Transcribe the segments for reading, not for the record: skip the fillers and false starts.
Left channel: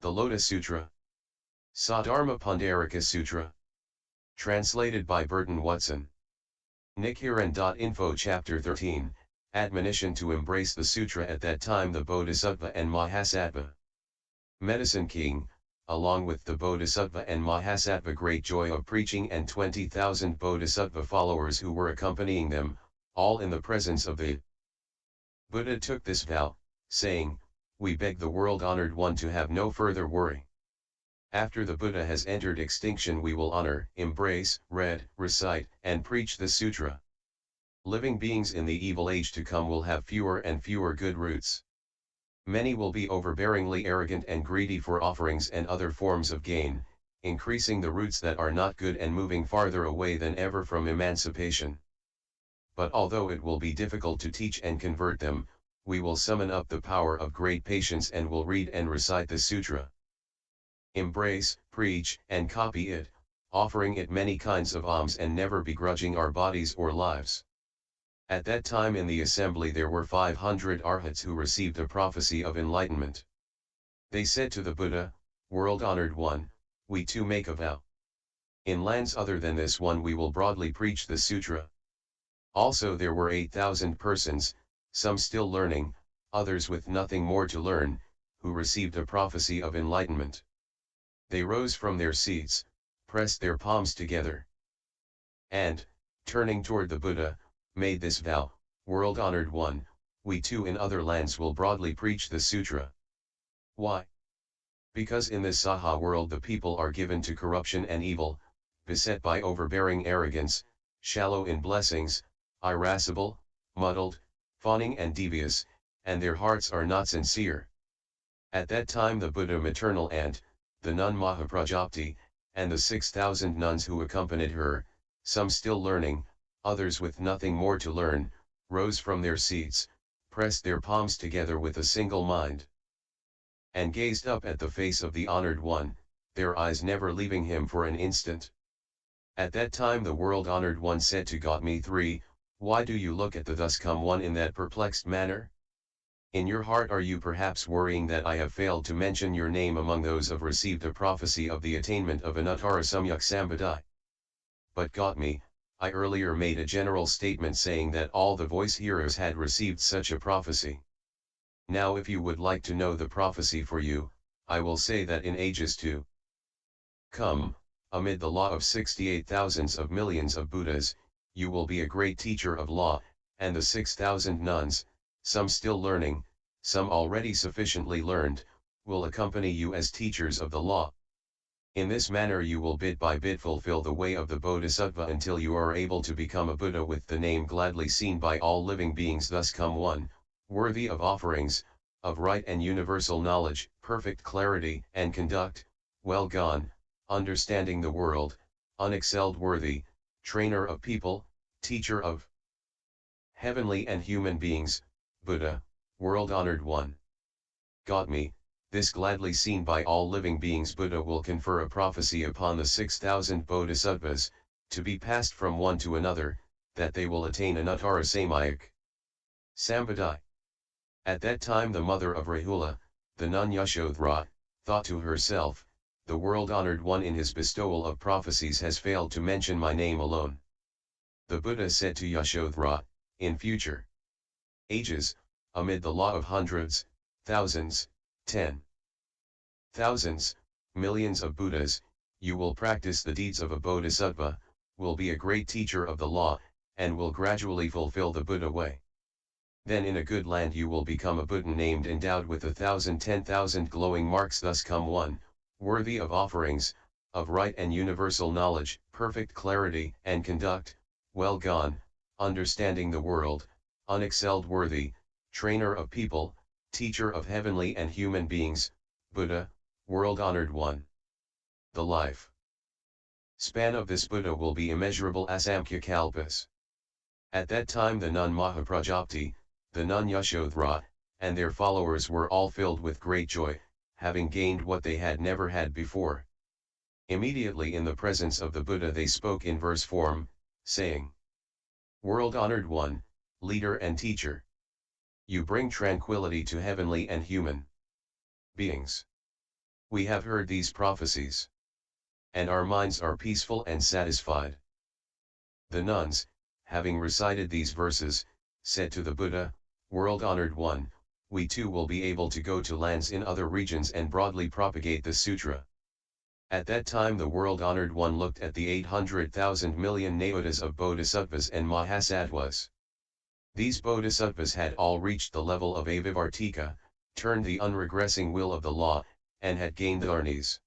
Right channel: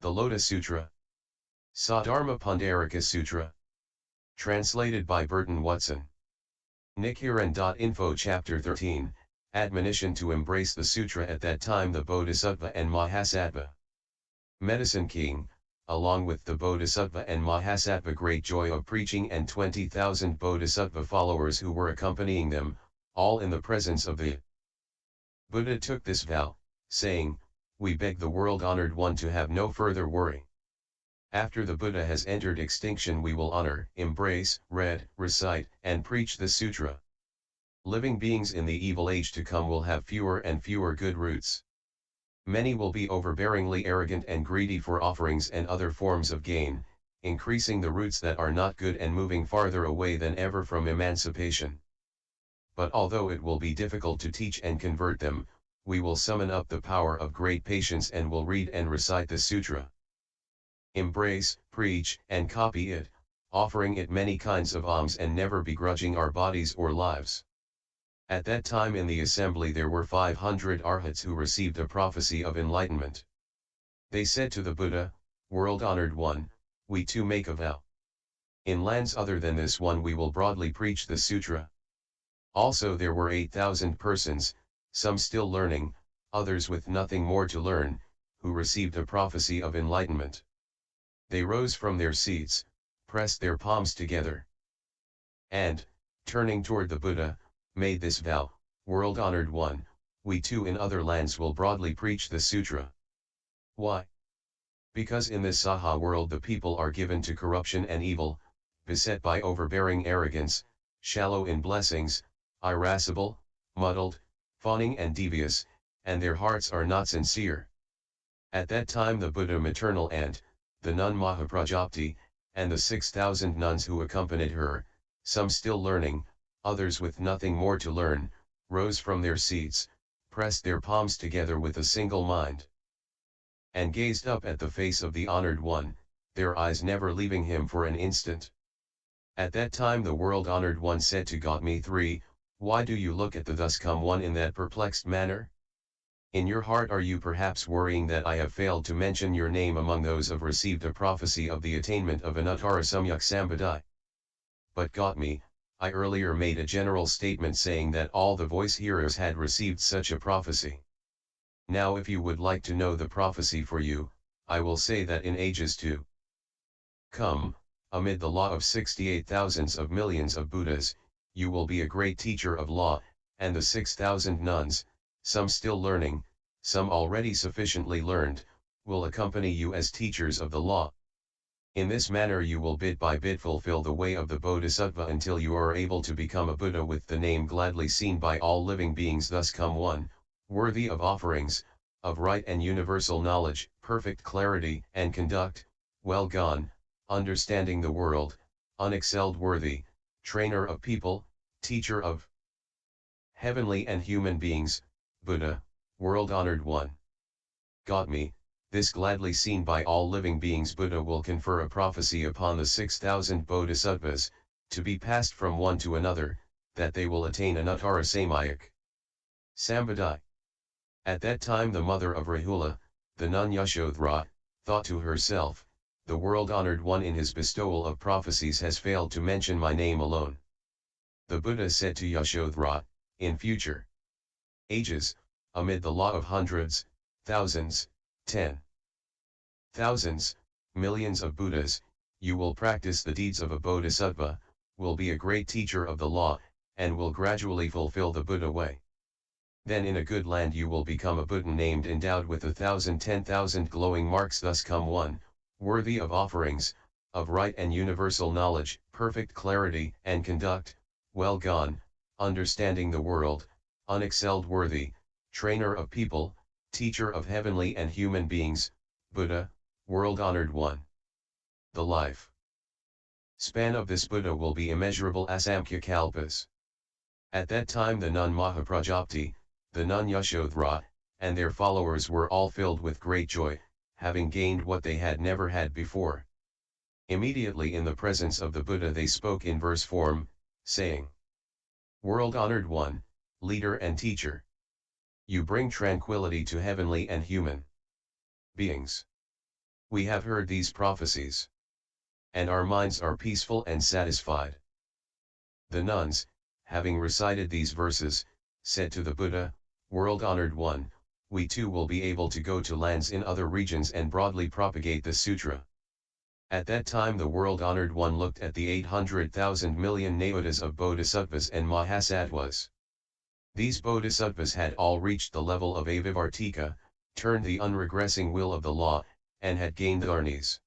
The Lotus Sutra. Sadharma Pundarika Sutra. Translated by Burton Watson. Nichiren.info Chapter 13, Admonition to embrace the sutra. At that time the bodhisattva and mahasattva. Medicine King, along with the bodhisattva and mahasattva, great joy of preaching, and 20,000 bodhisattva followers who were accompanying them, all in the presence of the Buddha, took this vow, saying, "We beg the world-honored one to have no further worry. After the Buddha has entered extinction, we will honor, embrace, read, recite, and preach the sutra. Living beings in the evil age to come will have fewer and fewer good roots. Many will be overbearingly arrogant and greedy for offerings and other forms of gain, increasing the roots that are not good and moving farther away than ever from emancipation. But although it will be difficult to teach and convert them, we will summon up the power of great patience and will read and recite the sutra. Embrace, preach, and copy it, offering it many kinds of alms and never begrudging our bodies or lives." At that time in the assembly there were 500 arhats who received a prophecy of enlightenment. They said to the Buddha, "World-honored one, we too make a vow. In lands other than this one we will broadly preach the sutra." Also there were 8,000 persons, some still learning, others with nothing more to learn, who received a prophecy of enlightenment. They rose from their seats, pressed their palms together, and, turning toward the Buddha, made this vow, "World-honored one, we too in other lands will broadly preach the sutra." Why? Because in this Saha world the people are given to corruption and evil, beset by overbearing arrogance, shallow in blessings, irascible, muddled, fawning and devious, and their hearts are not sincere. At that time the Buddha maternal aunt, the nun Mahaprajapati, and the 6,000 nuns who accompanied her, some still learning, others with nothing more to learn, rose from their seats, pressed their palms together with a single mind, and gazed up at the face of the honored one, their eyes never leaving him for an instant. At that time the world-honored one said to Gautami III, "Why do you look at the thus come one in that perplexed manner? In your heart are you perhaps worrying that I have failed to mention your name among those who received a prophecy of the attainment of anuttara-samyak-sambodhi? But Gautami, I earlier made a general statement saying that all the voice hearers had received such a prophecy. Now if you would like to know the prophecy for you, I will say that in ages to come, amid the law of 68 thousands of millions of Buddhas, you will be a great teacher of law, and the 6,000 nuns, some still learning, some already sufficiently learned, will accompany you as teachers of the law. In this manner you will bit by bit fulfill the way of the bodhisattva until you are able to become a Buddha with the name gladly seen by all living beings. Thus come one, worthy of offerings, of right and universal knowledge, perfect clarity and conduct, well gone, understanding the world, unexcelled, worthy, trainer of people, teacher of heavenly and human beings, Buddha, world-honored one." Gautami, this gladly seen by all living beings Buddha will confer a prophecy upon the 6,000 bodhisattvas, to be passed from one to another, that they will attain anuttara-samyak-sambodhi. At that time the mother of Rahula, the nun Yashodhara, thought to herself, "The world-honored one in his bestowal of prophecies has failed to mention my name alone." The Buddha said to Yashodhara, "In future ages, amid the law of hundreds, thousands, 10,000s, millions of Buddhas, you will practice the deeds of a bodhisattva, will be a great teacher of the law, and will gradually fulfill the Buddha way. Then in a good land you will become a Buddha named endowed with 10,000 glowing marks. Thus come one, worthy of offerings, of right and universal knowledge, perfect clarity and conduct, well gone, understanding the world, unexcelled, worthy, trainer of people, teacher of heavenly and human beings, Buddha, world-honored one." The life span of this Buddha will be immeasurable asamkhya kalpas. At that time the nun Mahaprajapati, the nun Yashodhara, and their followers were all filled with great joy, having gained what they had never had before. Immediately in the presence of the Buddha they spoke in verse form, saying, "World-honored one, leader and teacher, you bring tranquility to heavenly and human beings. We have heard these prophecies, and our minds are peaceful and satisfied. The nuns, having recited these verses, said to the Buddha, "World-honored one, we too will be able to go to lands in other regions and broadly propagate the sutra." At that time the world-honored one looked at the 800,000 million nayotas of bodhisattvas and mahasattvas. These bodhisattvas had all reached the level of avivartika, turned the unregressing will of the law, and had gained the arnis.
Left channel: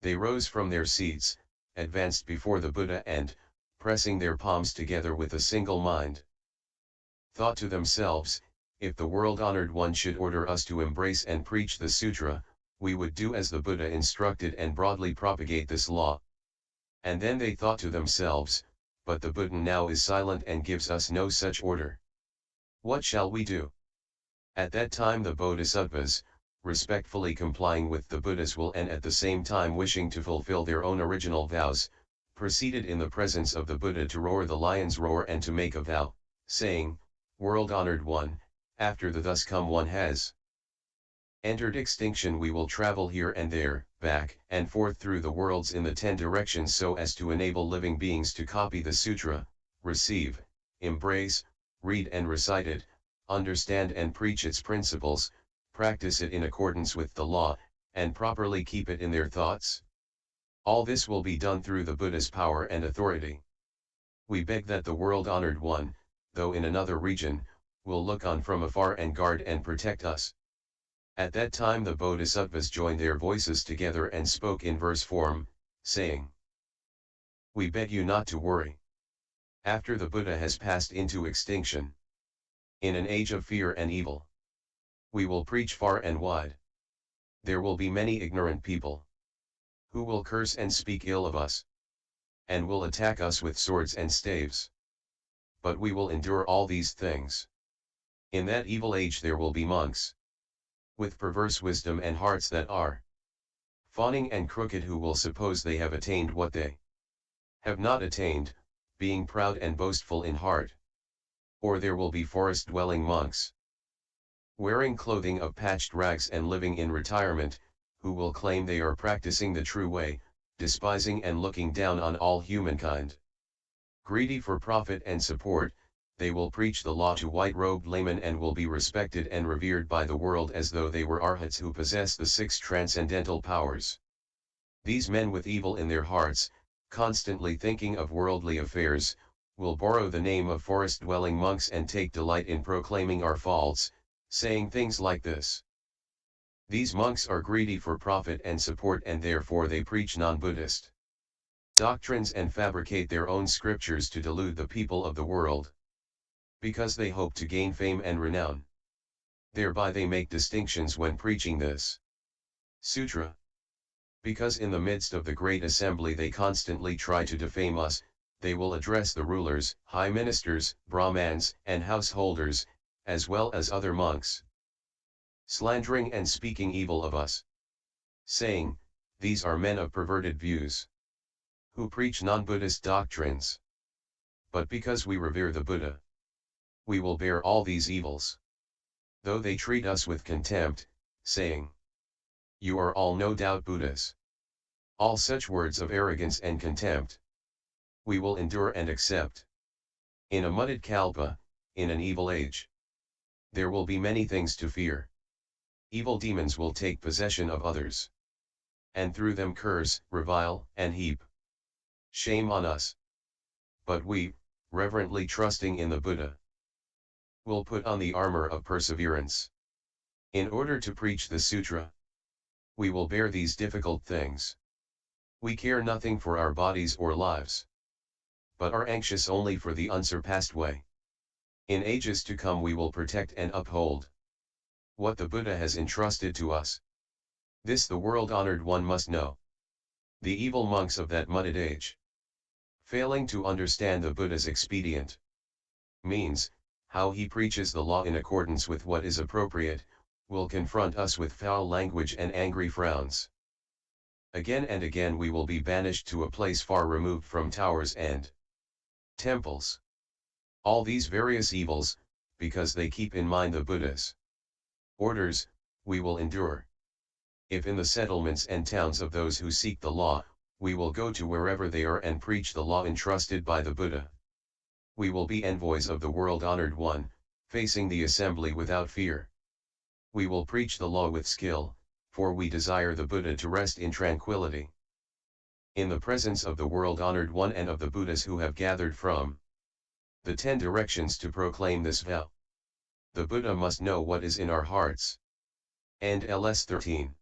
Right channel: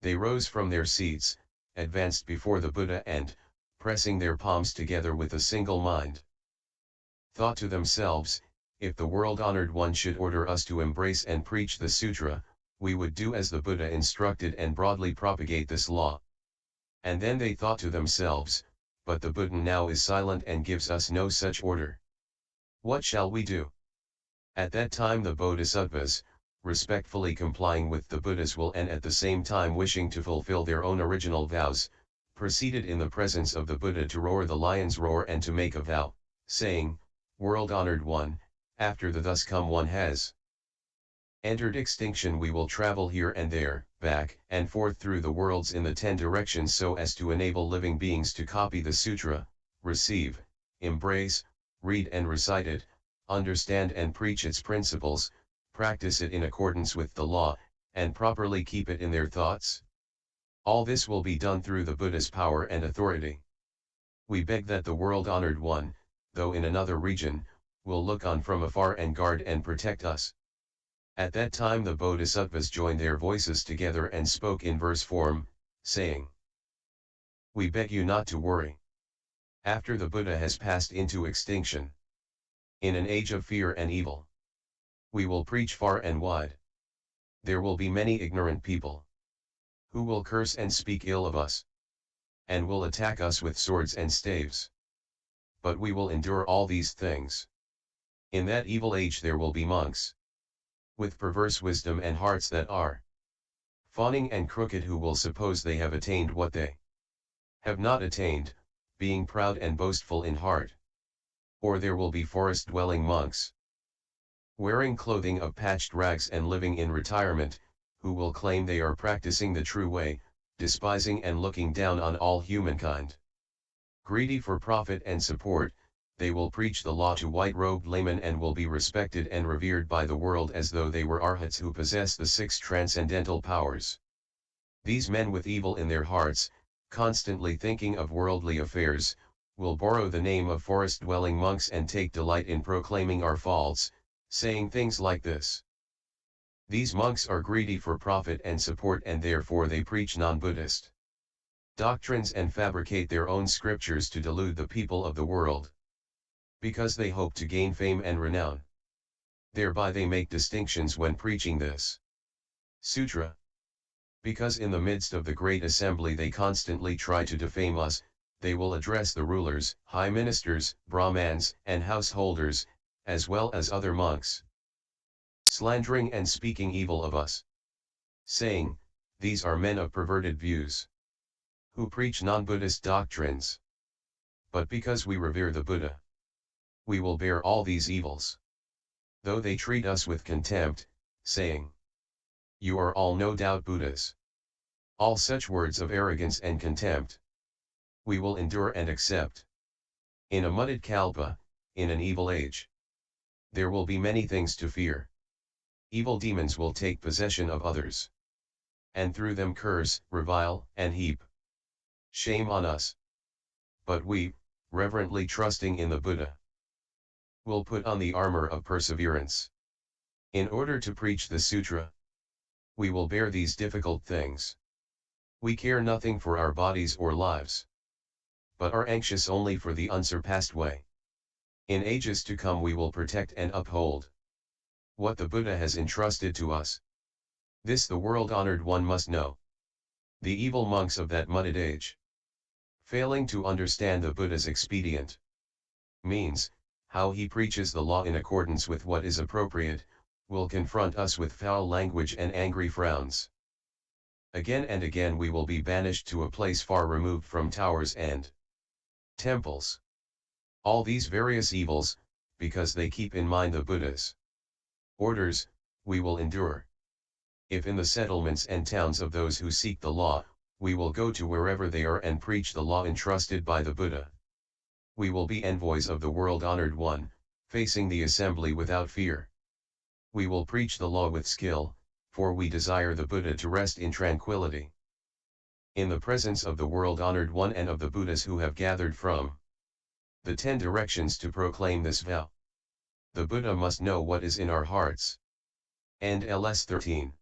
They rose from their seats, advanced before the Buddha and, pressing their palms together with a single mind, thought to themselves, "If the world-honored one should order us to embrace and preach the sutra, we would do as the Buddha instructed and broadly propagate this law." And then they thought to themselves, "But the Buddha now is silent and gives us no such order. What shall we do?" At that time the bodhisattvas, respectfully complying with the Buddha's will and at the same time wishing to fulfill their own original vows, proceeded in the presence of the Buddha to roar the lion's roar and to make a vow, saying, "World-honored one, after the thus come one has entered extinction, we will travel here and there, back and forth through the worlds in the 10 directions so as to enable living beings to copy the sutra, receive, embrace, read and recite it, understand and preach its principles, practice it in accordance with the law, and properly keep it in their thoughts. All this will be done through the Buddha's power and authority. We beg that the world-honored one, though in another region, will look on from afar and guard and protect us." At that time the bodhisattvas joined their voices together and spoke in verse form, saying, "We beg you not to worry. After the Buddha has passed into extinction, in an age of fear and evil, we will preach far and wide. There will be many ignorant people, who will curse and speak ill of us, and will attack us with swords and staves. But we will endure all these things. In that evil age there will be monks, with perverse wisdom and hearts that are fawning and crooked, who will suppose they have attained what they have not attained, being proud and boastful in heart. Or there will be forest-dwelling monks, wearing clothing of patched rags and living in retirement, who will claim they are practicing the true way, despising and looking down on all humankind. Greedy for profit and support, they will preach the law to white-robed laymen and will be respected and revered by the world as though they were arhats who possess the 6 transcendental powers. These men with evil in their hearts, constantly thinking of worldly affairs, will borrow the name of forest-dwelling monks and take delight in proclaiming our faults, saying things like this: these monks are greedy for profit and support and therefore they preach non-Buddhist doctrines and fabricate their own scriptures to delude the people of the world. Because they hope to gain fame and renown. Thereby they make distinctions when preaching this sutra. Because in the midst of the great assembly they constantly try to defame us, they will address the rulers, high ministers, brahmans, and householders, as well as other monks, slandering and speaking evil of us, saying, these are men of perverted views, who preach non-Buddhist doctrines. But because we revere the Buddha, we will bear all these evils, though they treat us with contempt, saying, you are all no doubt Buddhas. All such words of arrogance and contempt, we will endure and accept. In a mudded kalpa, in an evil age, there will be many things to fear. Evil demons will take possession of others, and through them curse, revile, and heap shame on us. But we, reverently trusting in the Buddha, will put on the armor of perseverance. In order to preach the sutra, we will bear these difficult things. We care nothing for our bodies or lives, but are anxious only for the unsurpassed way. In ages to come we will protect and uphold what the Buddha has entrusted to us. This the world-honored one must know. The evil monks of that mudded age, failing to understand the Buddha's expedient means, how he preaches the law in accordance with what is appropriate, will confront us with foul language and angry frowns. Again and again we will be banished to a place far removed from towers and temples. All these various evils, because they keep in mind the Buddha's orders, we will endure. If in the settlements and towns of those who seek the law, we will go to wherever they are and preach the law entrusted by the Buddha. We will be envoys of the world-honored one, facing the assembly without fear. We will preach the law with skill, for we desire the Buddha to rest in tranquility. In the presence of the world-honored one and of the Buddhas who have gathered from the 10 directions to proclaim this vow. The Buddha must know what is in our hearts. And LS 13.